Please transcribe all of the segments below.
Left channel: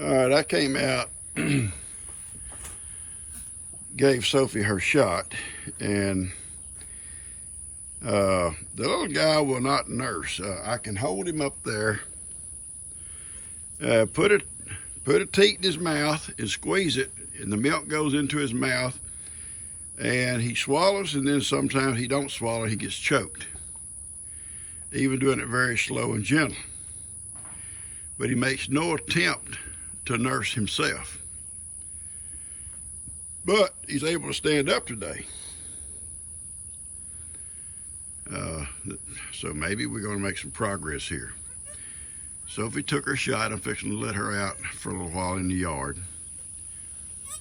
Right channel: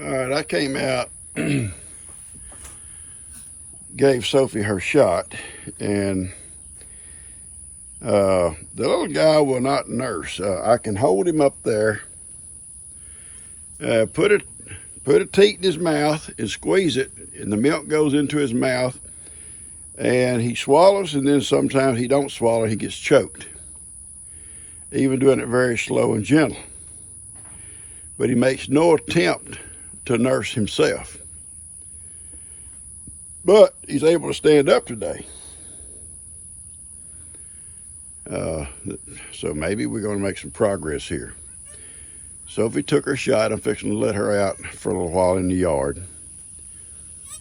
All right, I came out, gave Sophie her shot, and the little guy will not nurse. I can hold him up there, put a teat in his mouth and squeeze it, and the milk goes into his mouth, and he swallows, and then sometimes he don't swallow, he gets choked, even doing it very slow and gentle. But he makes no attempt to nurse himself. But he's able to stand up today. So maybe we're going to make some progress here. Sophie took her shot. I'm fixing to let her out for a little while in the yard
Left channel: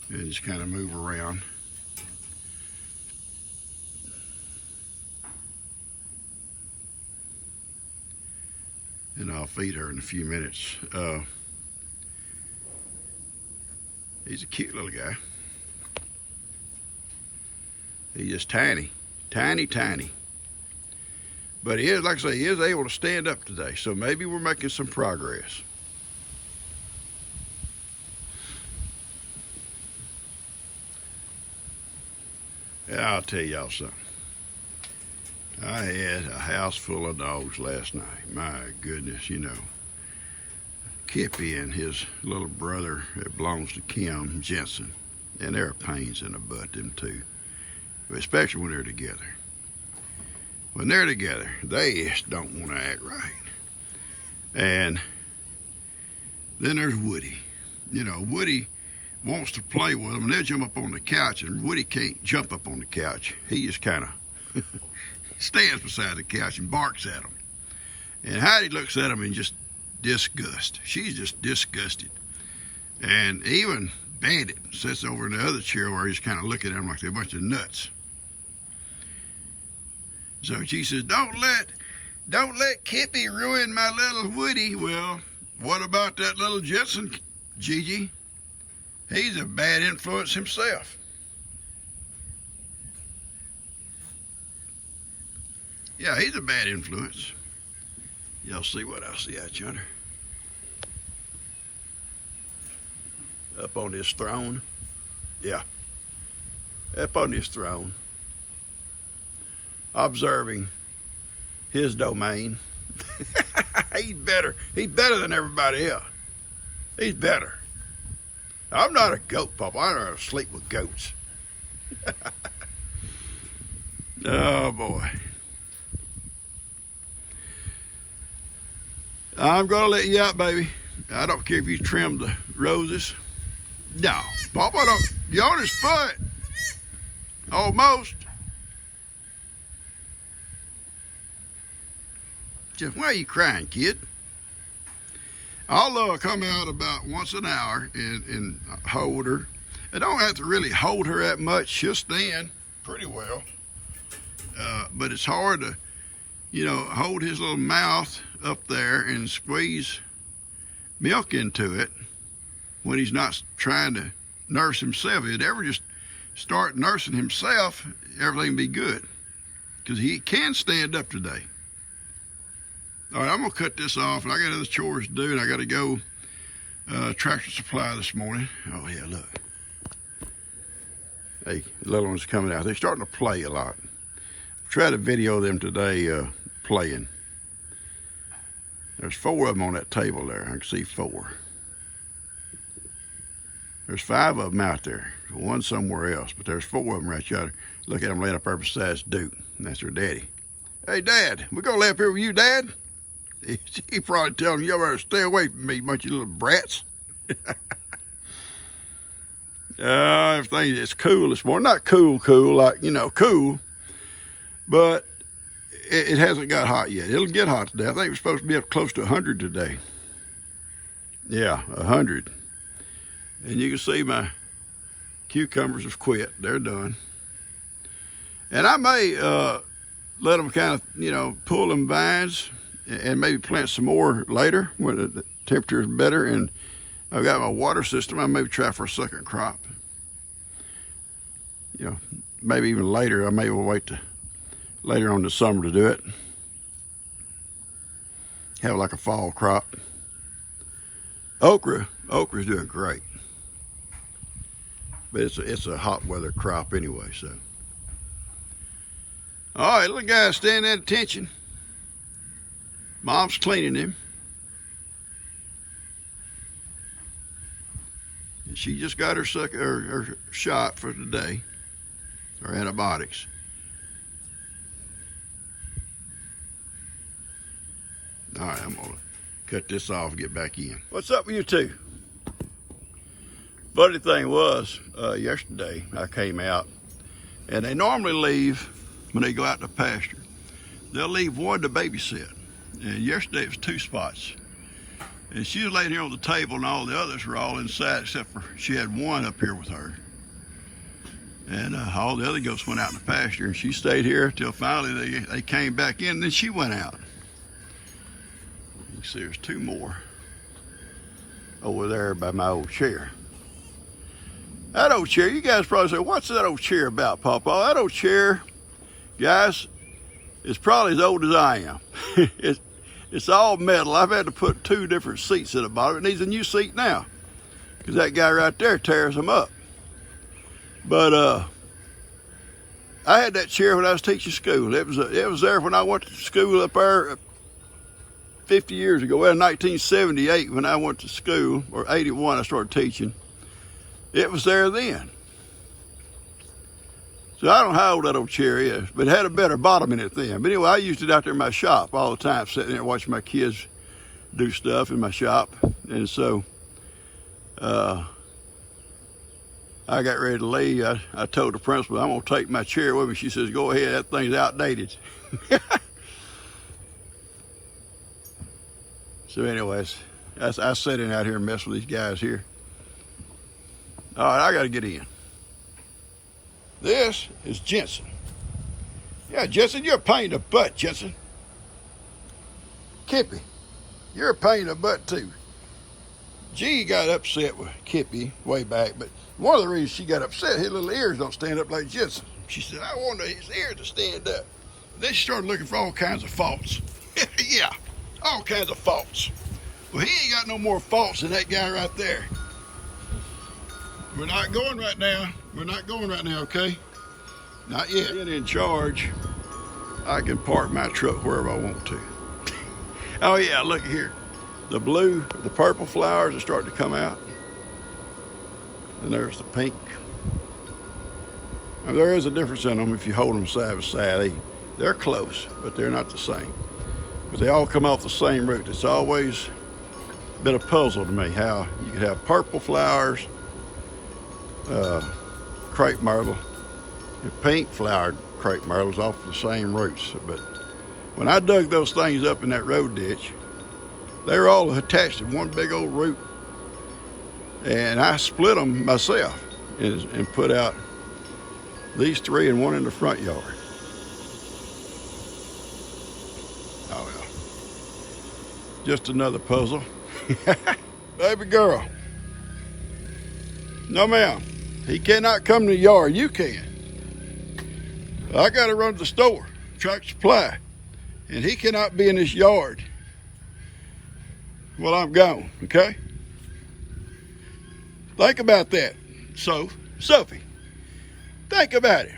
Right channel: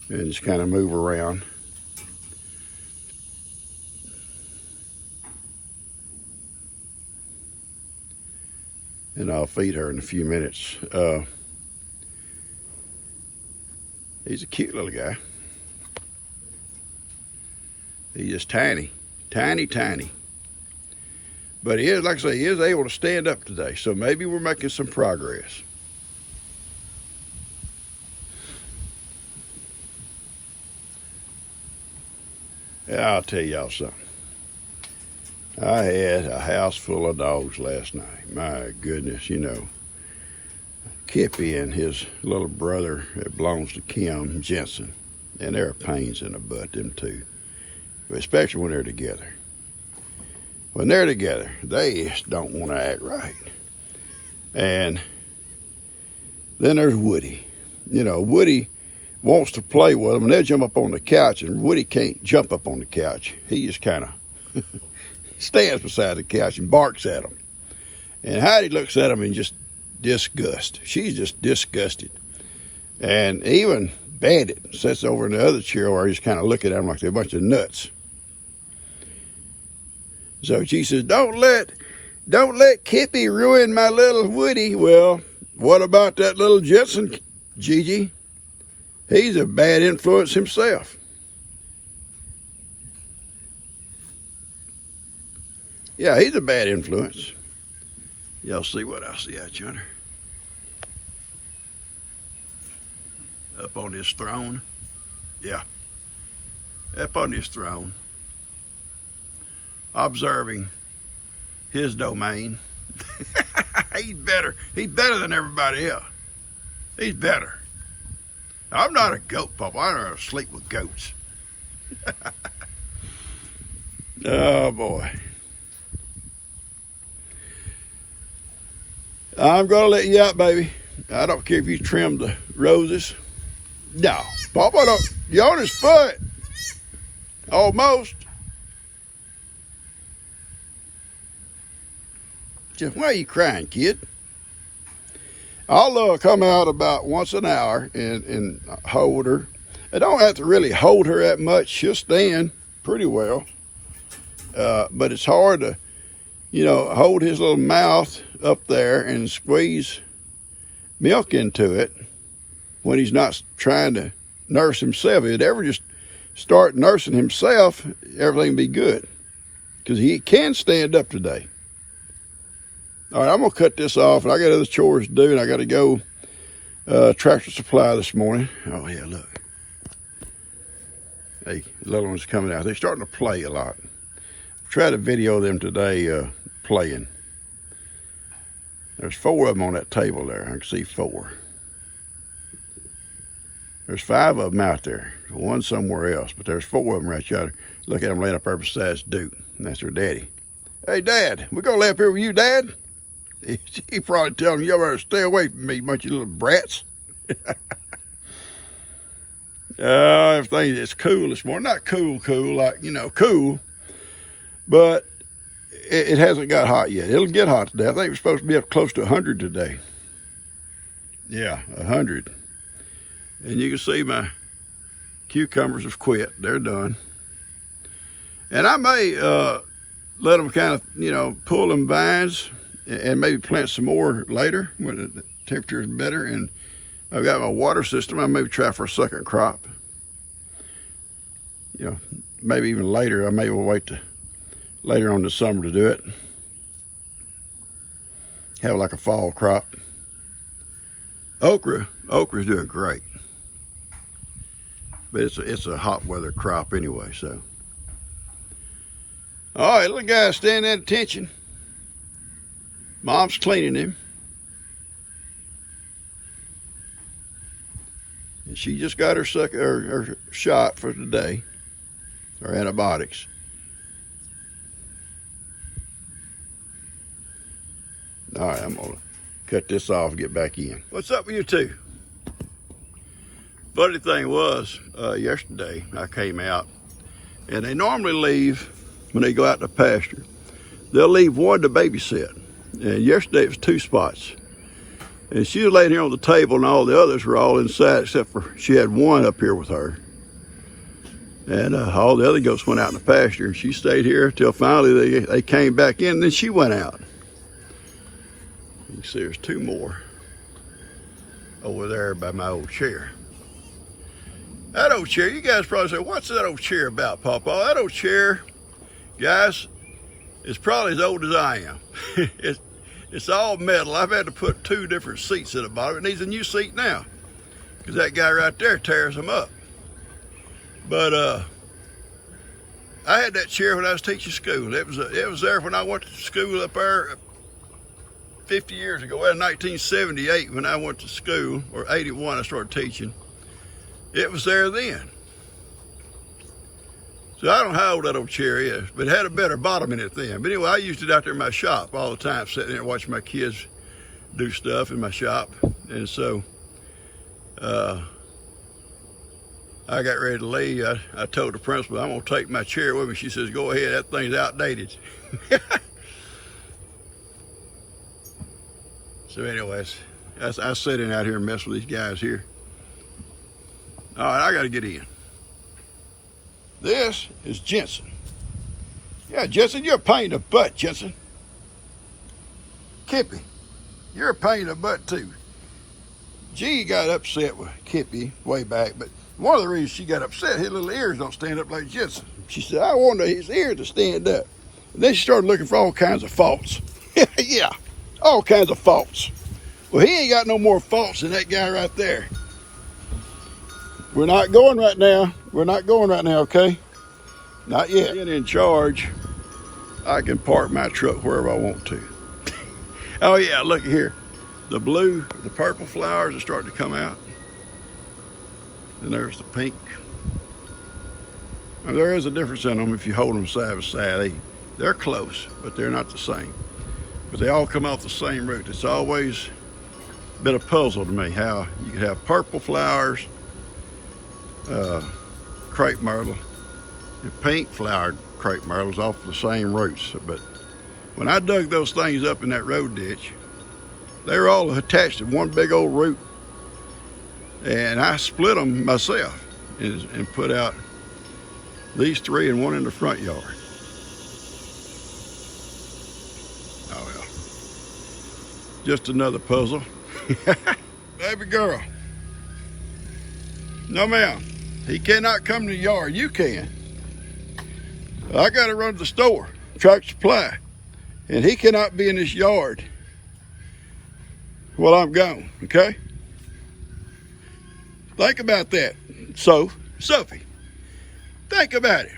and just kind of move around. And I'll feed her in a few minutes. He's a cute little guy. He's just tiny, tiny. But he is, like I say, he is able to stand up today. So maybe we're making some progress. Yeah, I'll tell y'all something. I had a house full of dogs last night. My goodness, you know. Crepe and his little brother that belongs to Kim Jensen. And there are pains in the butt, them two. But especially when they're together. When they're together, they just don't want to act right. And then there's Woody. You know, Woody wants to play with them, and they'll jump up on the couch, and Woody can't jump up on the couch. He just kind of stands beside the couch and barks at them. And Heidi looks at him in just disgust. She's just disgusted. And even Bandit sits over in the other chair where he's kind of looking at them like they're a bunch of nuts. So she says, don't let Crepe ruin my little Woody. Well, what about that little Jensen, Gigi? He's a bad influence himself. Yeah, he's a bad influence. Y'all see what I see out yonder? Up on this throne. Yeah. Up on this throne. Observing his domain. He's better than everybody else. He's better. I'm not a goat, Papa. I don't sleep with goats. Oh, boy. I'm going to let you out, baby. I don't care if you trim the roses. No, Papa, don't. You're on his foot. Almost. Just, why are you crying, kid? I'll come out about once an hour and hold her. I don't have to really hold her that much. She'll stand pretty well. But it's hard to, you know, hold his little mouth up there and squeeze milk into it when he's not trying to nurse himself. If he'd ever just start nursing himself, everything would be good. Because he can stand up today. All right, I'm going to cut this off. I got other chores to do, and I got to go Tractor Supply this morning. Oh, yeah, look. Hey, the little one's coming out. They're starting to play a lot. Try to video them today playing. There's 4 of them on that table there. I can see 4. There's 5 of them out there. One somewhere else, but there's 4 of them right yonder. Look at them laying up there beside Duke. And that's their daddy. Hey, Dad, we gonna lay up here with you, Dad? He probably telling you better stay away from me, bunch of little brats. Everything is cool this morning. Not cool, like, you know, cool. But it hasn't got hot yet. It'll get hot today. I think it's supposed to be up close to 100 today. Yeah, 100. And you can see my cucumbers have quit. They're done. And I may let them kind of, you know, pull them vines and maybe plant some more later when the temperature is better. And I've got my water system. I maybe try for a second crop. You know, maybe even later. I may wait to later on in the summer to do it. Have like a fall crop. Okra Okra's doing great. But it's a hot weather crop anyway, so. All right, little guy standing at attention. Mom's cleaning him. And she just got her shot for today, her antibiotics. All right, I'm gonna cut this off and get back in. What's up with you two? Funny thing was, yesterday I came out, and they normally leave when they go out to pasture. They'll leave one to babysit. And yesterday it was 2 spots. And she was laying here on the table, and all the others were all inside except for she had one up here with her. And all the other goats went out in the pasture, and she stayed here till finally they came back in, and then she went out. You can see there's 2 more over there by my old chair. That old chair, you guys probably say, what's that old chair about, Papa? That old chair, guys, is probably as old as I am. It's all metal. I've had to put 2 different seats at the bottom. It needs a new seat now, because that guy right there tears them up. But I had that chair when I was teaching school. It was there when I went to school up there 50 years ago. Well, 1978 when I went to school, or 81 I started teaching. It was there then. So I don't know how old that old chair is, but it had a better bottom in it then. But anyway, I used it out there in my shop all the time, sitting there watching my kids do stuff in my shop. And so I got ready to leave. I told the principal, I'm gonna take my chair with me. She says, go ahead, that thing's outdated. So anyways, I sat in out here and messed with these guys here. All right, I gotta get in. This is Jensen. Yeah, Jensen, you're a pain in the butt, Jensen. Kippy, you're a pain in the butt too. G got upset with Kippy way back, but one of the reasons she got upset, his little ears don't stand up like Jensen. She said, I wanted his ears to stand up. And then she started looking for all kinds of faults. Yeah, all kinds of faults. Well, he ain't got no more faults than that guy right there. We're not going right now. We're not going right now, okay? Not yet. Being in charge, I can park my truck wherever I want to. Oh yeah, look here. The purple flowers are starting to come out. And there's the pink. Now, there is a difference in them if you hold them side by side. They're close, but they're not the same. But they all come off the same root. It's always been a puzzle to me how you could have purple flowers, crepe myrtle, and pink flowered crepe myrtles off the same roots. But when I dug those things up in that road ditch, they were all attached to one big old root. And I split them myself and put out these 3 and one in the front yard. Oh well, just another puzzle. Baby girl. No ma'am, he cannot come to the yard, you can. I gotta run to the store, Tractor Supply, and he cannot be in this yard while I'm gone, okay? Think about that, Sophie. Think about it.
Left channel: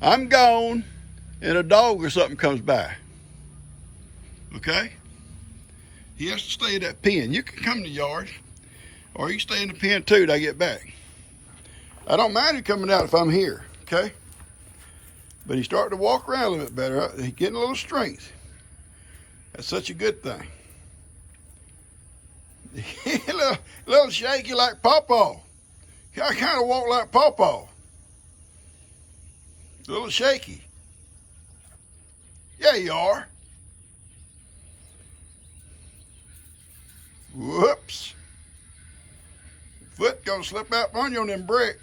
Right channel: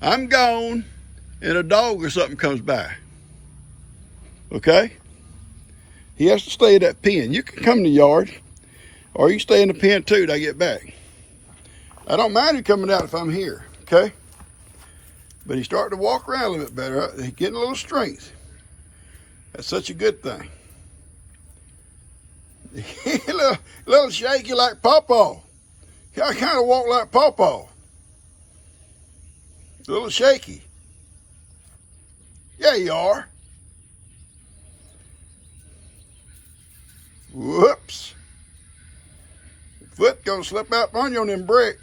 I'm gone and a dog or something comes by, okay? He has to stay in that pen. You can come in the yard, or you stay in the pen too till I get back. I don't mind him coming out if I'm here, okay? But he's starting to walk around a little bit better. He's getting a little strength. That's such a good thing. a little shaky like Pawpaw. I kind of walk like Pawpaw. A little shaky. Yeah, you are. Whoops. Foot gonna slip out on you on them bricks.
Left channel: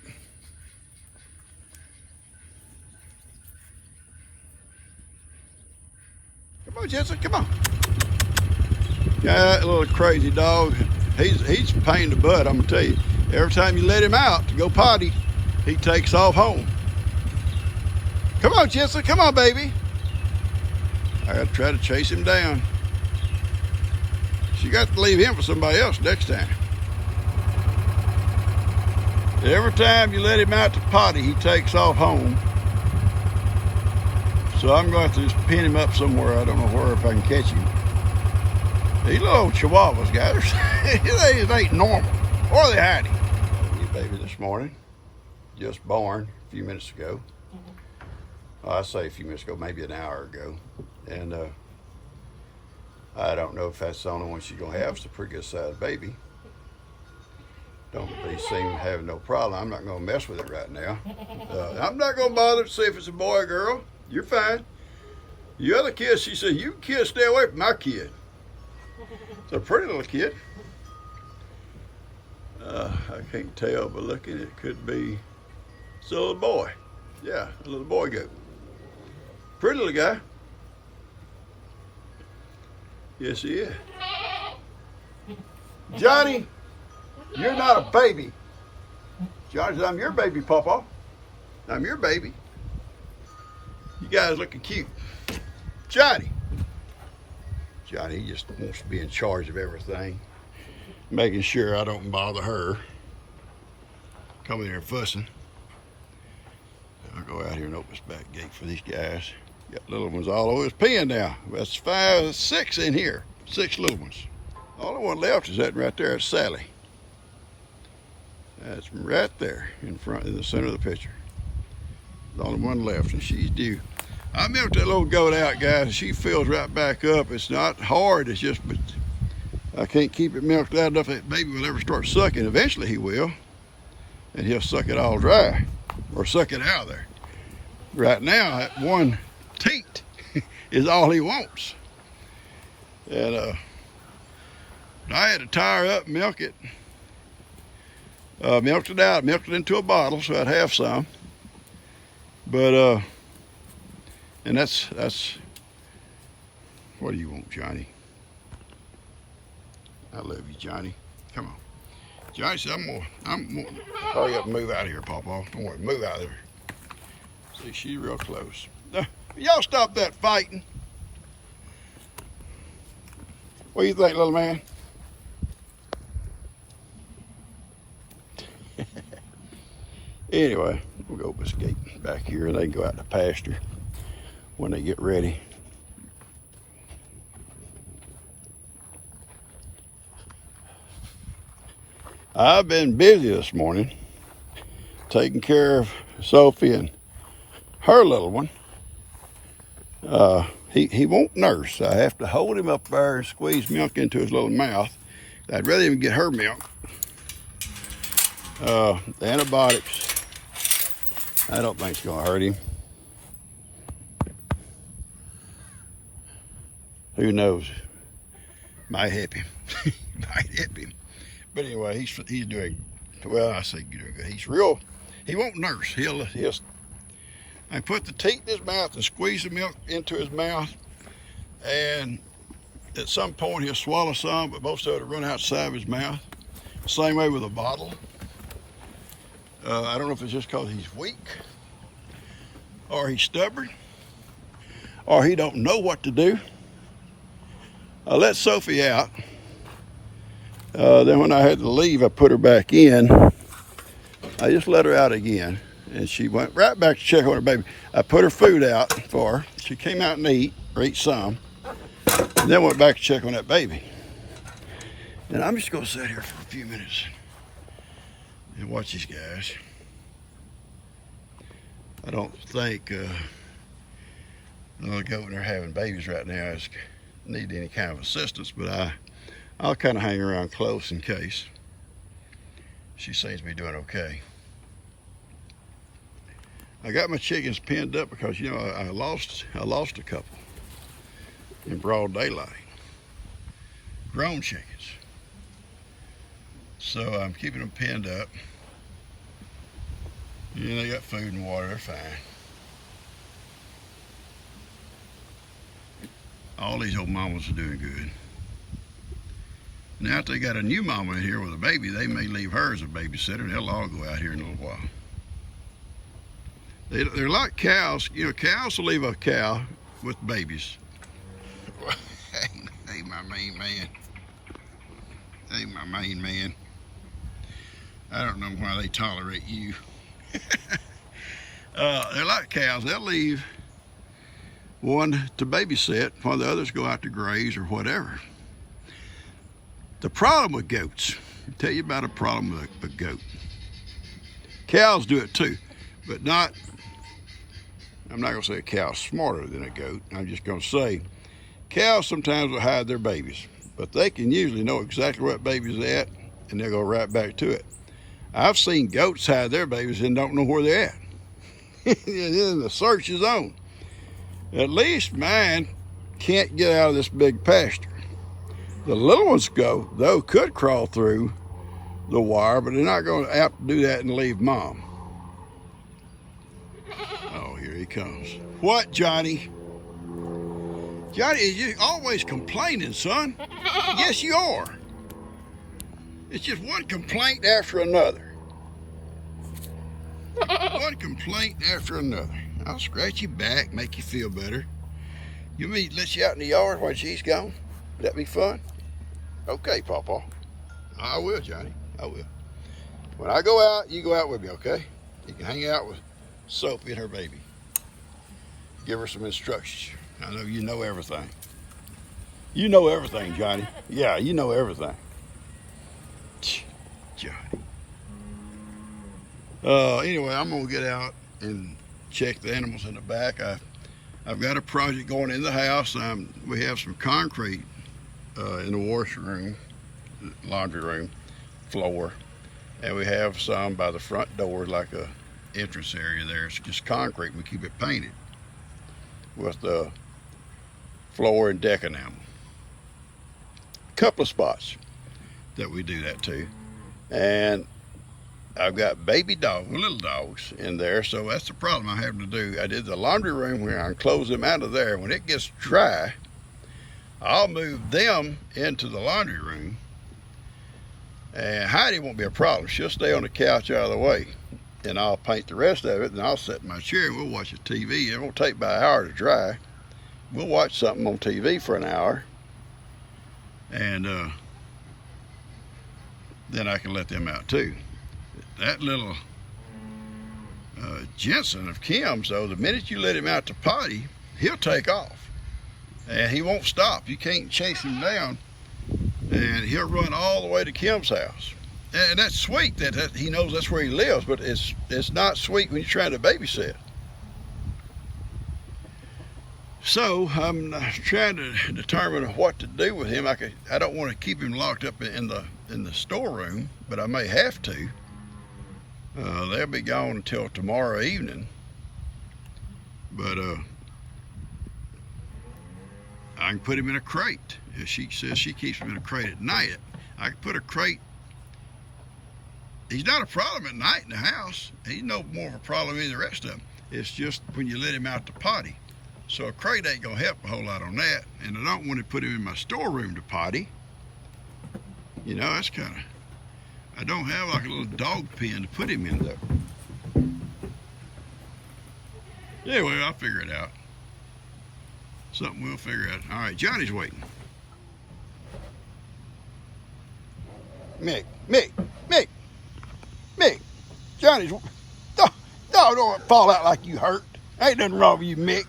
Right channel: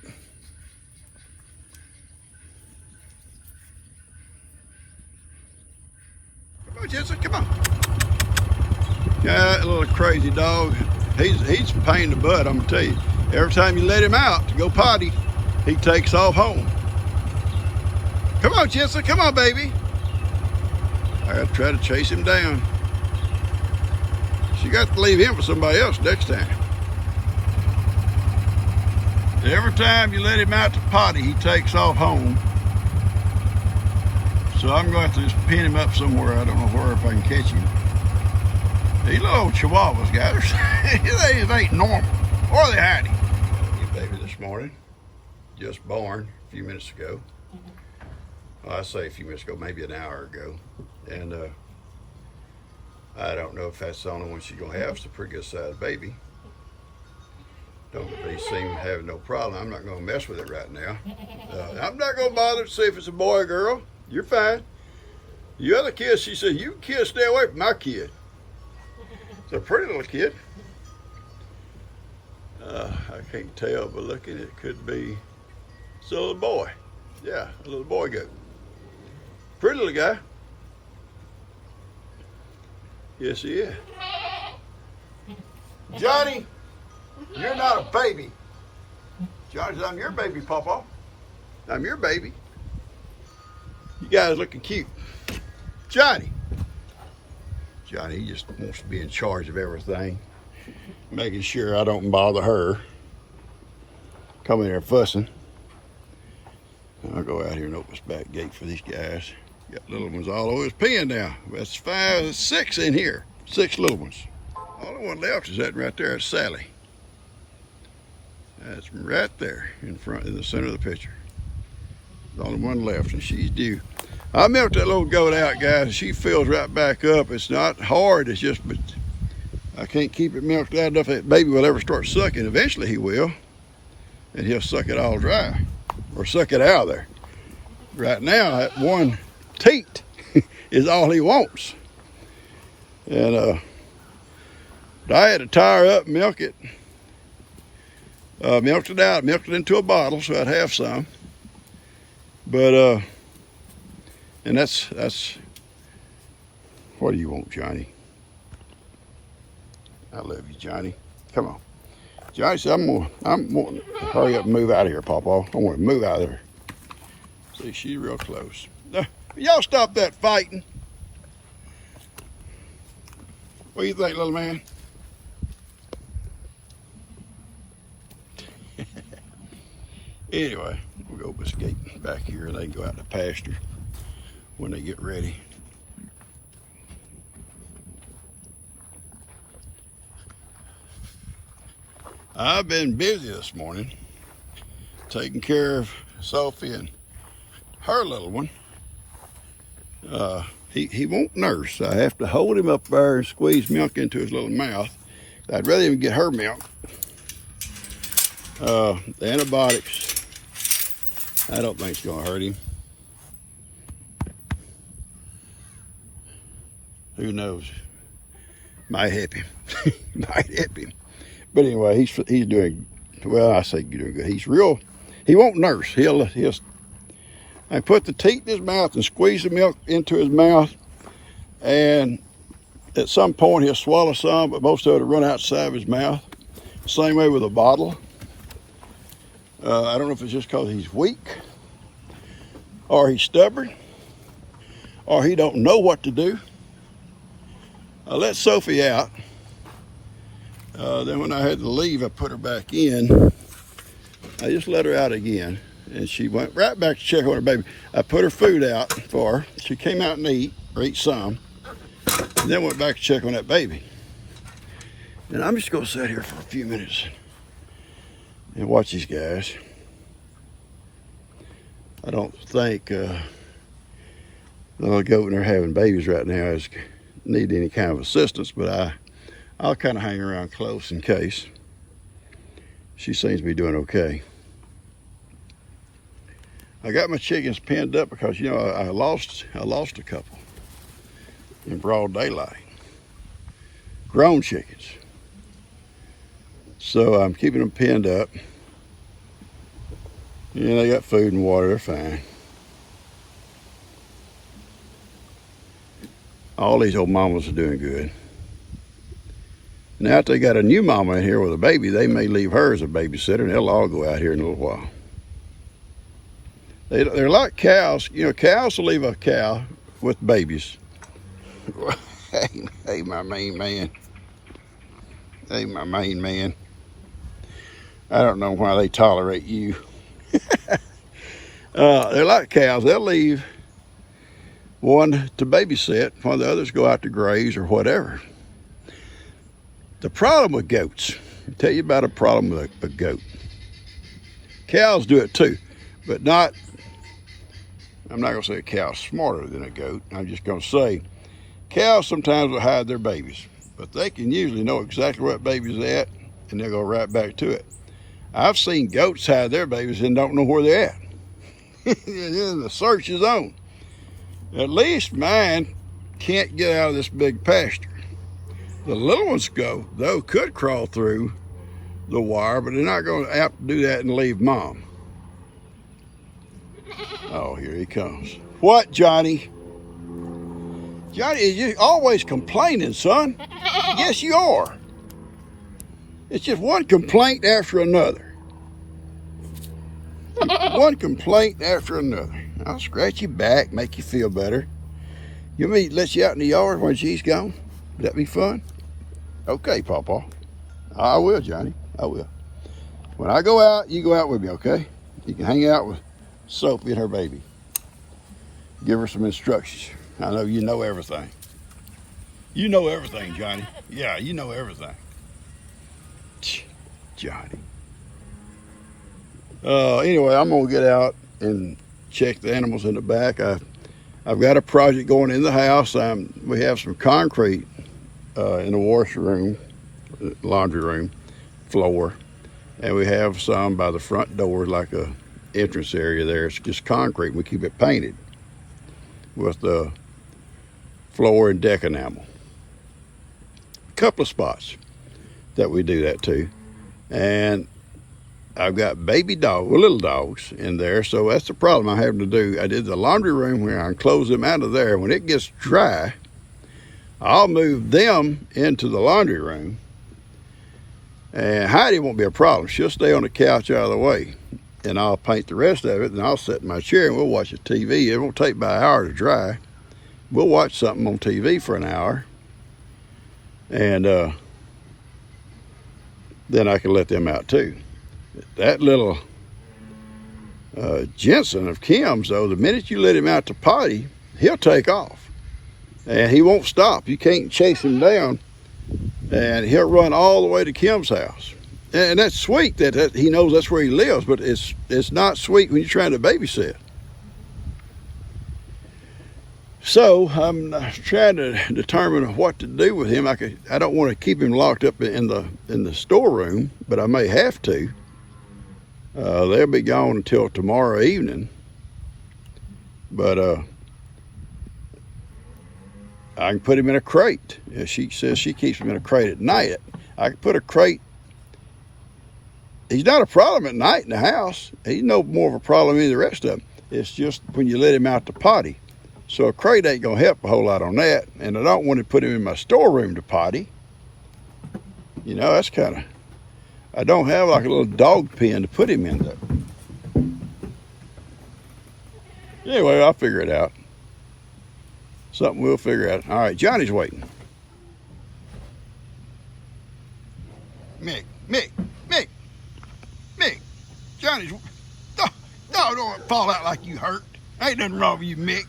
Come on, Jensen, come on. Yeah, that little crazy dog. He's a pain in the butt, I'm gonna tell you. Every time you let him out to go potty, he takes off home. Come on, Jensen, come on, baby. I gotta try to chase him down. You got to leave him for somebody else next time. Every time you let him out to potty, he takes off home. So I'm going to have to just pin him up somewhere. I don't know where, if I can catch him. These little chihuahuas, guys, they ain't normal. Or they hide him. New baby this morning, just born a few minutes ago. Well, I say a few minutes ago, maybe an hour ago. And I don't know if that's the only one she's going to have. It's a pretty good sized baby. Don't really seem to have no problem. I'm not going to mess with it right now. I'm not going to bother to see if it's a boy or girl. You're fine. The other kid, she said, you kids stay away from my kid. It's a pretty little kid. I can't tell, but looking, it could be it's a little boy. Yeah, a little boy goat. Pretty little guy. Yes, he is. Johnny, you're not a baby. Johnny said, I'm your baby, Papa. I'm your baby. You guys looking cute. Johnny, he just wants to be in charge of everything, making sure I don't bother her. Coming there fussing. I'll go out here and open this back gate for these guys. Got little ones all over his pen now. That's 6 in here. 6 little ones. Only one left is that right there. It's Sally. That's right there in front, in the center of the picture. The only one left, and she's due. I milked that little goat out, guys, and she fills right back up. It's not hard, it's just, but I can't keep it milked out enough that baby will ever start sucking. Eventually he will, and he'll suck it all dry, or suck it out of there. Right now, that one teat is all he wants. And I had to tie her up, milk it. Milked it out, milked it into a bottle so I'd have some. But and that's what do you want, Johnny? I love you, Johnny. Come on. Johnny said, I'm wanting to hurry up and move out of here, Papa. I want to move out of here. See, she's real close. Y'all stop that fighting. What do you think, little man? Anyway, we'll go open this gate back here and they can go out to pasture when they get ready. I've been busy this morning taking care of Sophie and her little one. He won't nurse. I have to hold him up there and squeeze milk into his little mouth. I'd rather even get her milk. The antibiotics, I don't think it's gonna hurt him. Who knows? Might help him. Might help him. But anyway, he's doing well. I say doing good. He's real. He won't nurse. He'll I put the teat in his mouth and squeeze the milk into his mouth, and at some point he'll swallow some, but most of it will run outside of his mouth. Same way with a bottle. I don't know if it's just because he's weak, or he's stubborn, or he don't know what to do. I let Sophie out. Then when I had to leave, I put her back in. I just let her out again, and she went right back to check on her baby. I put her food out for her. She came out and ate some, and then went back to check on that baby. And I'm just gonna sit here for a few minutes and watch these guys. I don't think the goat and her having babies right now need any kind of assistance, but I'll kind of hang around close in case. She seems to be doing okay. I got my chickens pinned up because, you know, I lost a couple in broad daylight. Grown chickens. So I'm keeping them pinned up. Yeah, they got food and water, they're fine. All these old mamas are doing good. Now if they got a new mama in here with a baby, they may leave her as a babysitter, and they'll all go out here in a little while. They're like cows. You know, cows will leave a cow with babies. Hey, my main man. Hey, my main man. I don't know why they tolerate you. They're like cows. They'll leave one to babysit while the others go out to graze or whatever. The problem with goats, I'll tell you about a problem with a goat. Cows do it too, but not, I'm not gonna say a cow's smarter than a goat. I'm just gonna say cows sometimes will hide their babies, but they can usually know exactly where that baby's at and they'll go right back to it. I've seen goats hide their babies and don't know where they're at. The search is on. At least mine can't get out of this big pasture. The little ones could crawl through the wire, but they're not going to have to do that and leave mom. Oh, here he comes. What, Johnny? Johnny, you're always complaining, son. Yes, you are. It's just one complaint after another. One complaint after another. I'll scratch your back, make you feel better. You want me to let you out in the yard when she's gone? Would that be fun? Okay, Pawpaw. I will, Johnny. I will. When I go out, you go out with me, okay? You can hang out with Sophie and her baby. Give her some instructions. I know you know everything. You know everything, Johnny. Yeah, you know everything. Johnny. Anyway, I'm gonna get out and check the animals in the back. I've got a project going in the house. We have some concrete in the washroom, laundry room floor, and we have some by the front door, like a entrance area there. It's just concrete. We keep it painted with the floor and deck enamel. A couple of spots that we do that to, and I've got baby dogs, little dogs in there, so that's the problem I'm having to do. I did the laundry room where I close them out of there. When it gets dry, I'll move them into the laundry room, and Heidi won't be a problem. She'll stay on the couch out of the way, and I'll paint the rest of it, and I'll sit in my chair and we'll watch a TV. It won't take about an hour to dry. We'll watch something on TV for an hour, and then I can let them out too. That little Jensen of Kim's, though, the minute you let him out to potty, he'll take off. And he won't stop. You can't chase him down. And he'll run all the way to Kim's house. And that's sweet that he knows that's where he lives, but it's not sweet when you're trying to babysit. So I'm trying to determine what to do with him. I don't want to keep him locked up in the storeroom, but I may have to. They'll be gone until tomorrow evening. But I can put him in a crate. She says she keeps him in a crate at night. I can put a crate. He's not a problem at night in the house. He's no more of a problem than the rest of them. It's just when you let him out to potty. So a crate ain't gonna help a whole lot on that. And I don't want to put him in my storeroom to potty. You know, that's kind of, I don't have like a little dog pen to put him in though. Anyway, I'll figure it out. Something we'll figure out. All right, Johnny's waiting. Mick. Johnny's, no, don't fall out like you hurt. Ain't nothing wrong with you, Mick.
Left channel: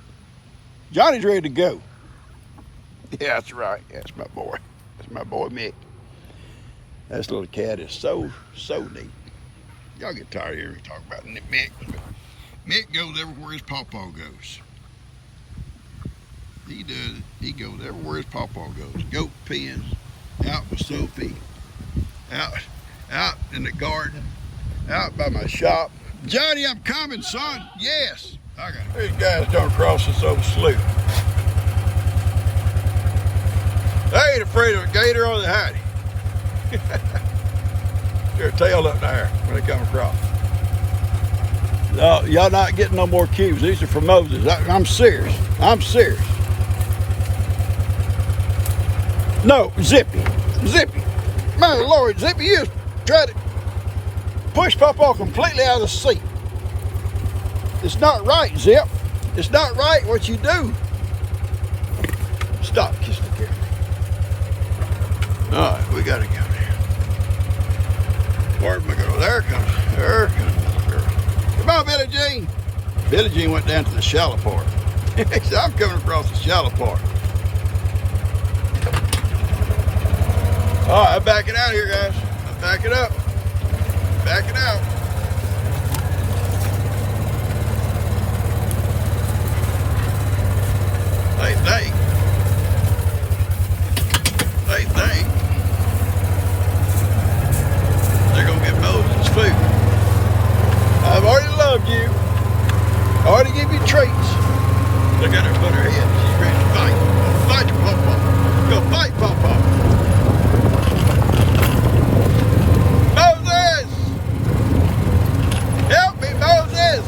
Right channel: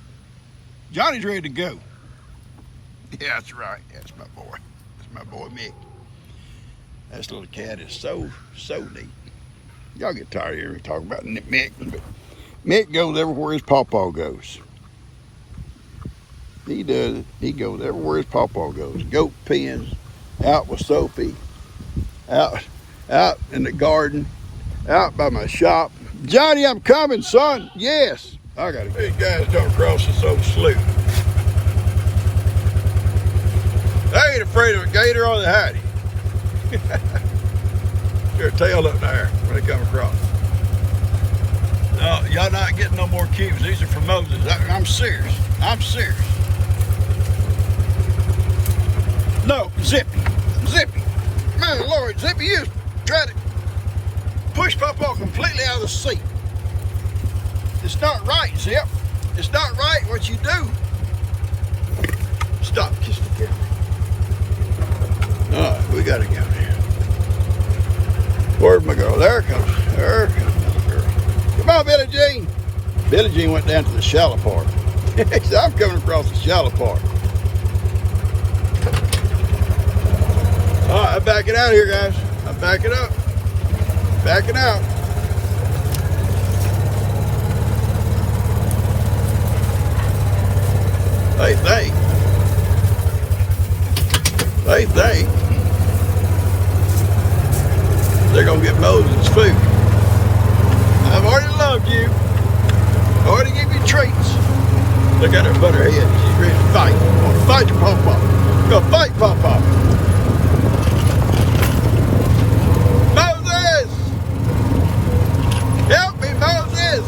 Johnny's ready to go. Yeah, that's right. That's my boy. That's my boy, Mick. This little cat is so neat. Y'all get tired of hearing me talk about Mick. Mick goes everywhere his pawpaw goes. He does. He goes everywhere his pawpaw goes. Goat pens, out with Sophie, out in the garden, out by my shop. Johnny, I'm coming, son. Yes. I got it. These guys come across this old slough. They ain't afraid of a gator or the Heidi. Their tail up there when they come across. No, y'all not getting no more cubes. These are for Moses. I'm serious. I'm serious. No, Zippy. My Lord, Zippy, you tried to push Pawpaw completely out of the seat. It's not right, Zip. It's not right what you do. Stop, kiss the camera. All right, we gotta go now. Where'd Where's my girl? There comes my girl. Come on, Billie Jean. Billie Jean went down to the shallow part. He said, I'm coming across the shallow part. All right, I'm backing out of here, guys. I'm backing up. Backing out. They think they're gonna get Moses food. I've already loved you. I already give you treats. Look at her butt her head. She's ready to fight. Gonna fight your pawpaw. You're gonna fight pawpaw. Moses! Help me, Moses!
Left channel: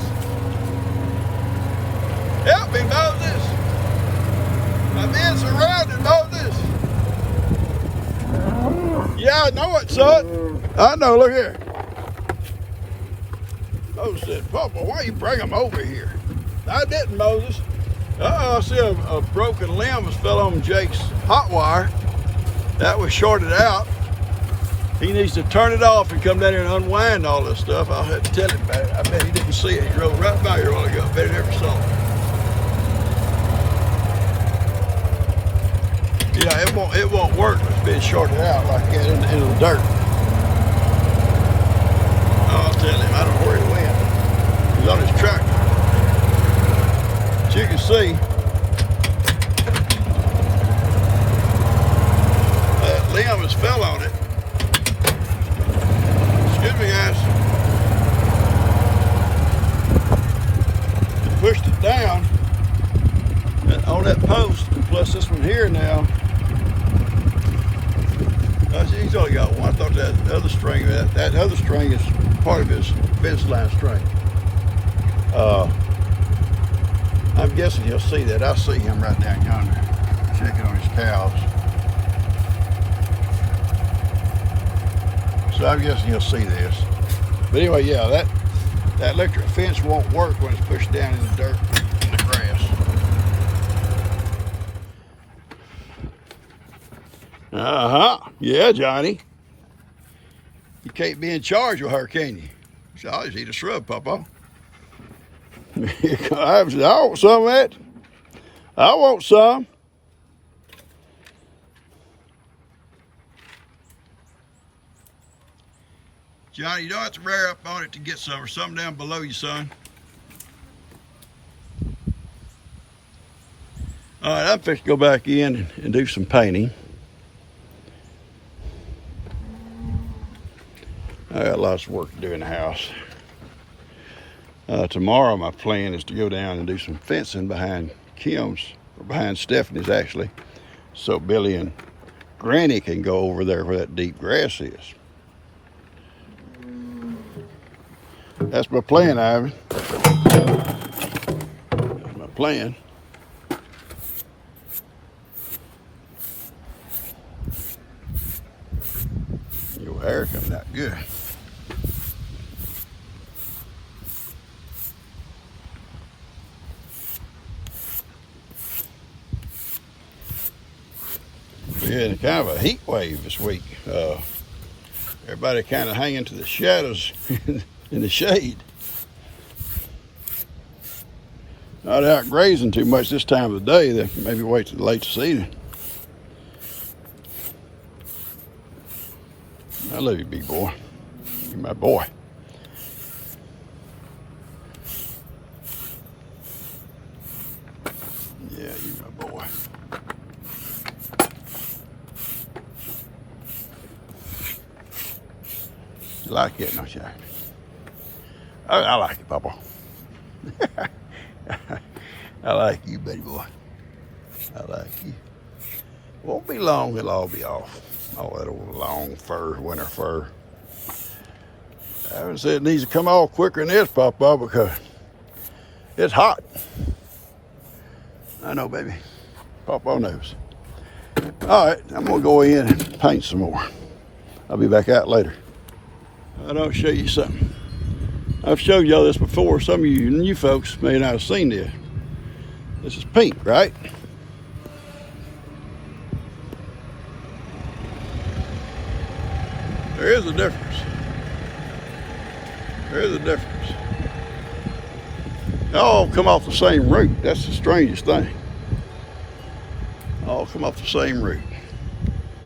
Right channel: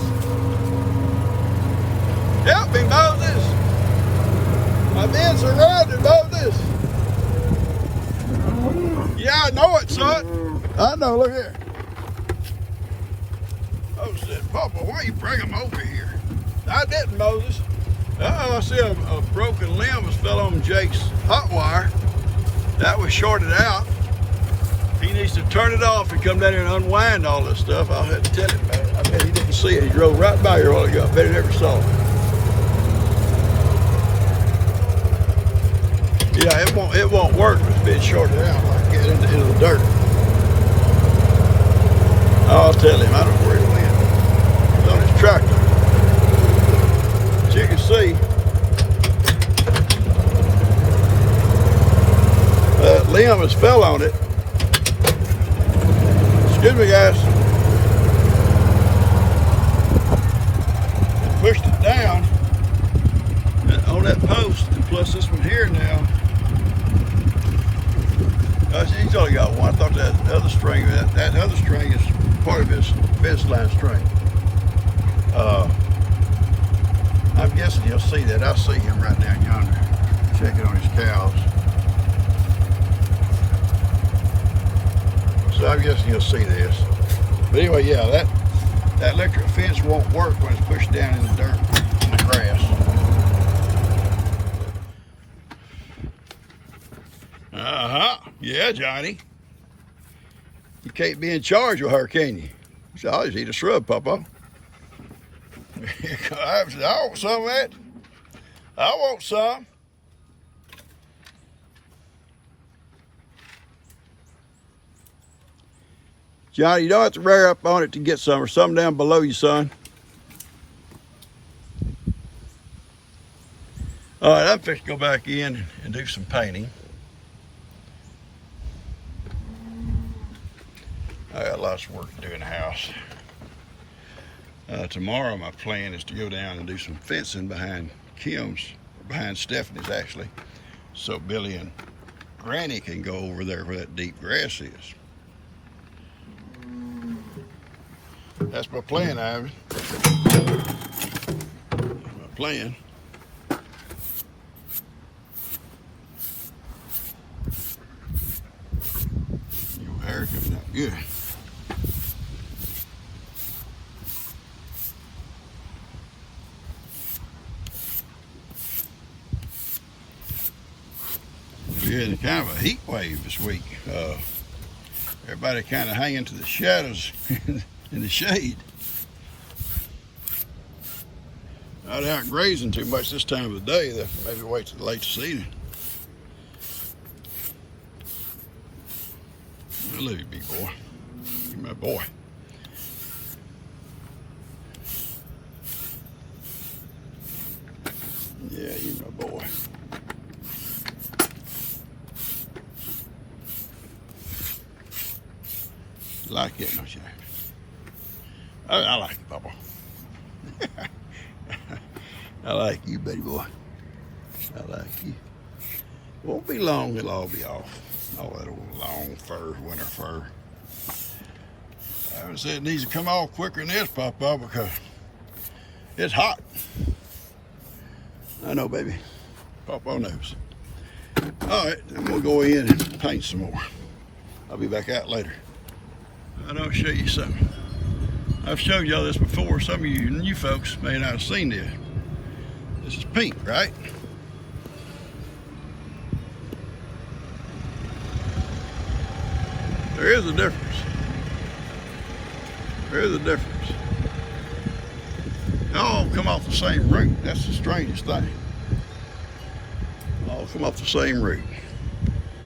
Help me, Moses! I'm being surrounded, Moses! Yeah, I know it, son. I know, look here. Moses said, Papa, why you bring him over here? I didn't, Moses. I see a broken limb has fell on Jake's hot wire. That was shorted out. He needs to turn it off and come down here and unwind all this stuff. I'll have to tell him about it. I bet he didn't see it. He drove right by here a while ago. I bet he never saw it. Yeah, it won't work if it's being shorted out like that into the dirt. I'll tell him. I don't know where he went. He's on his tractor. As you can see, that limb has fell on it. Excuse me, guys. And pushed it down on that post. And plus this one here now. He's only got one. I thought that other string, that other string is part of his fence line string. I'm guessing you'll see that. I see him right down yonder, checking on his cows. So I'm guessing you'll see this. But anyway, yeah, that electric fence won't work when it's pushed down in the dirt and the grass. Yeah, Johnny. You can't be in charge with her, can you? So I'll just eat a shrub, Papa. I want some of that. I want some. Johnny, you don't have to rear up on it to get some. Or some down below you, son. All right, I'm fixing to go back in and do some painting. I got lots of work to do in the house. Tomorrow my plan is to go down and do some fencing behind Kim's, or behind Stephanie's actually, so Billy and Granny can go over there where that deep grass is. That's my plan, Ivan. That's my plan. Your hair coming out good. We're in kind of a heat wave this week. Everybody kind of hanging to the shadows in the shade. Not out grazing too much this time of the day. Maybe wait till late this evening. I love you, big boy. You're my boy. Yeah, you're my boy. You like it, don't you? I like it, Papa. I like you, baby boy. I like you. Won't be long, it'll all be off. All that old long fur, winter fur. I haven't said it needs to come off quicker than this, Papa, because it's hot. I know, baby. Papa knows. All right, I'm gonna go in and paint some more. I'll be back out later. I'll show you something. I've showed y'all this before. Some of you new folks may not have seen this. This is pink, right? There is a difference. There's the difference. They all come off the same root. That's the strangest thing. All come off the same root.